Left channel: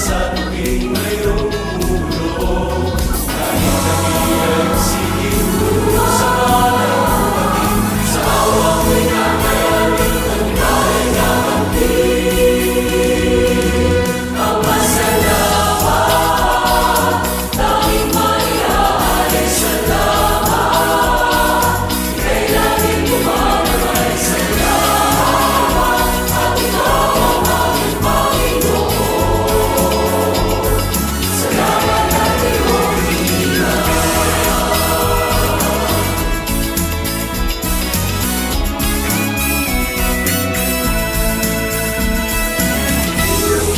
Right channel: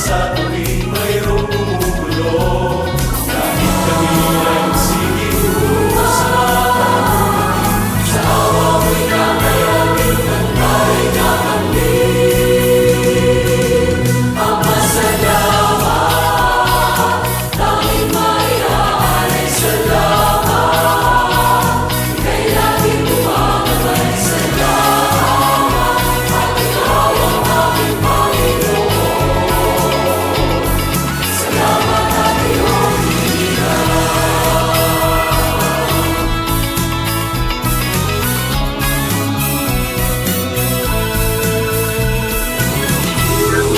sa tuwing mayroong tumulong. Kahit kami ay magsigiw sa malay lumaging, sa awa mo'y kakayanin, tagumpay ay kakamtin. Ang pasalamat, tanging maiaalay salamat. Ika'y laging gumagabay, salamat. At ikaw ang aming Panginoon. Salamat at iyong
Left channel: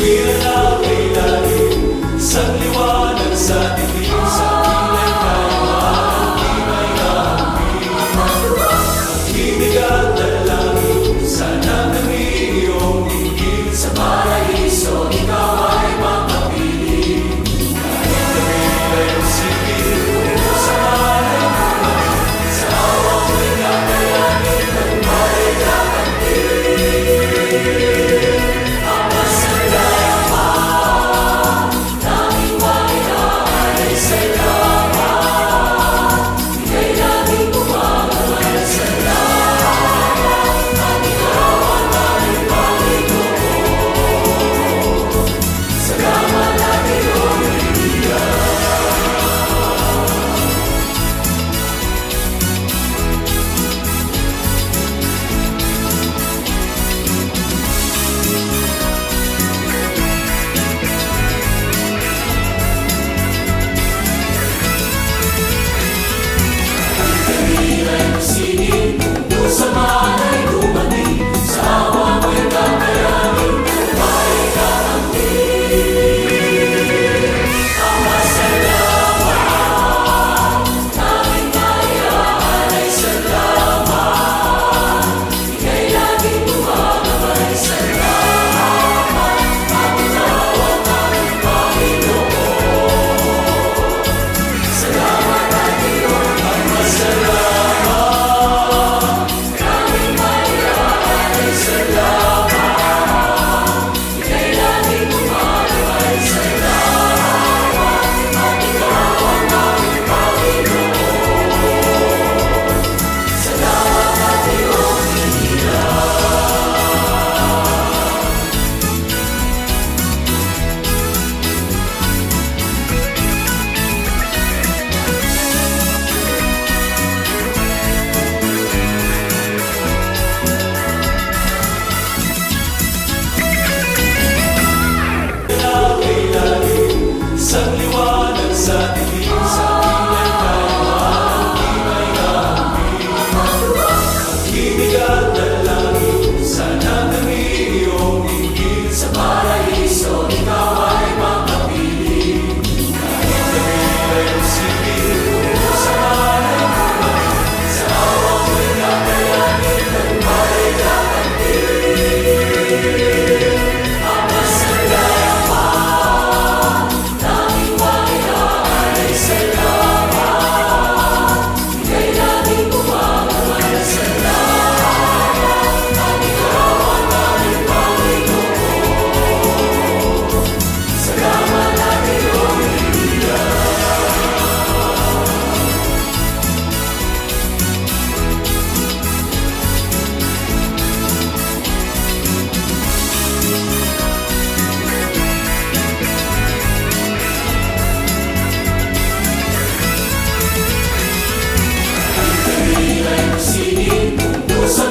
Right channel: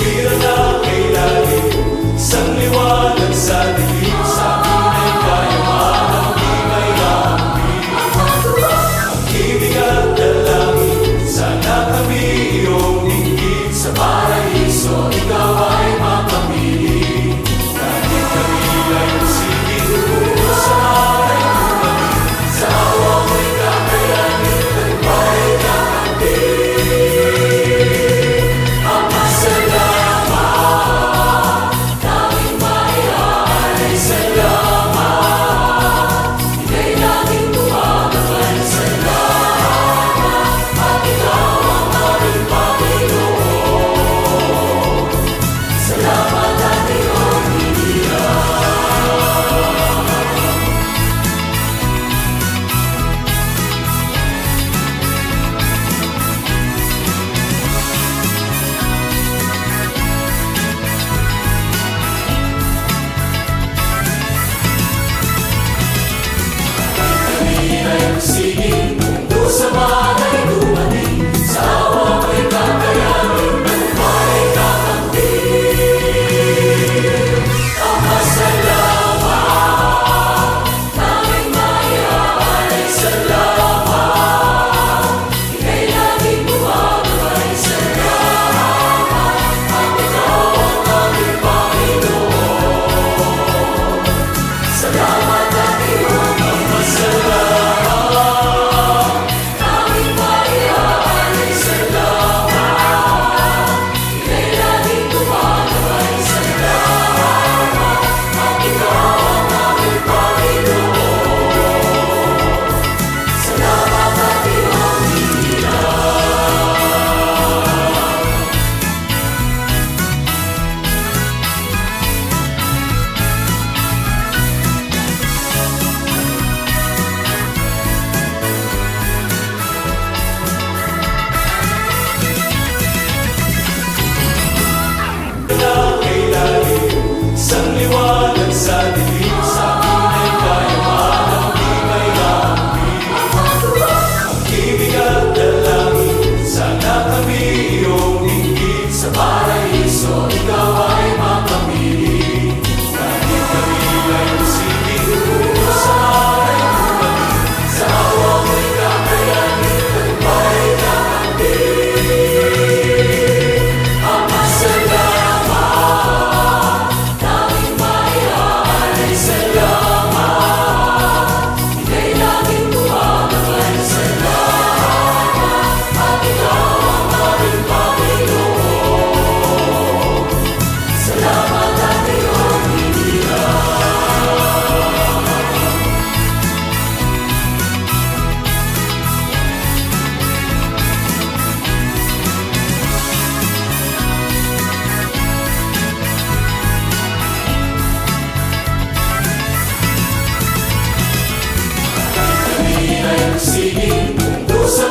Kinanap ay laging isang liwanag sa dilim. Sa akin ay kayaman, di may naampi. Ang ibig at dalangin, sana kami iyong inggit. Sa paraiso, ikaw ay makapili. Kahit kami ay magsigiw sa malay lumaging, sa awa mo'y kakayanin, tagumpay ay kakamtin. Ang pasalamat, tanging maiaalay salamat. Ika'y laging gumagabay, salamat. At ikaw ang aming Panginoon. Salamat at iyong kami ay magsiging, kung sa malay dumating, sa awa mo'y kakayanin, tagumpay ay kakamtin. Ang pasalamat, tanging maiaalay salamat. Ika'y laging gumagabay, salamat. At ikaw ang aming Panginoon. Salamat at iyong ang pasalamat, tanging maiaalay salamat. Ika'y laging gumagabay, salamat. At ikaw ang aming Panginoon. Salamat at iyong ay laging isang liwanag sa dilim. Sa akin ay kayaman, di may naampi. Ang ibig at dalangin, sana kami iyong inggit. Sa paraiso, ikaw ay makapili. Kahit kami ay magsigiw sa malay lumaging, sa awa mo'y kakayanin, tagumpay ay kakamtin. Ang pasalamat, tanging maiaalay salamat. Ika'y laging gumagabay, salamat. At ikaw ang aming Panginoon. Salamat at iyong kami ay magsiging, kung sa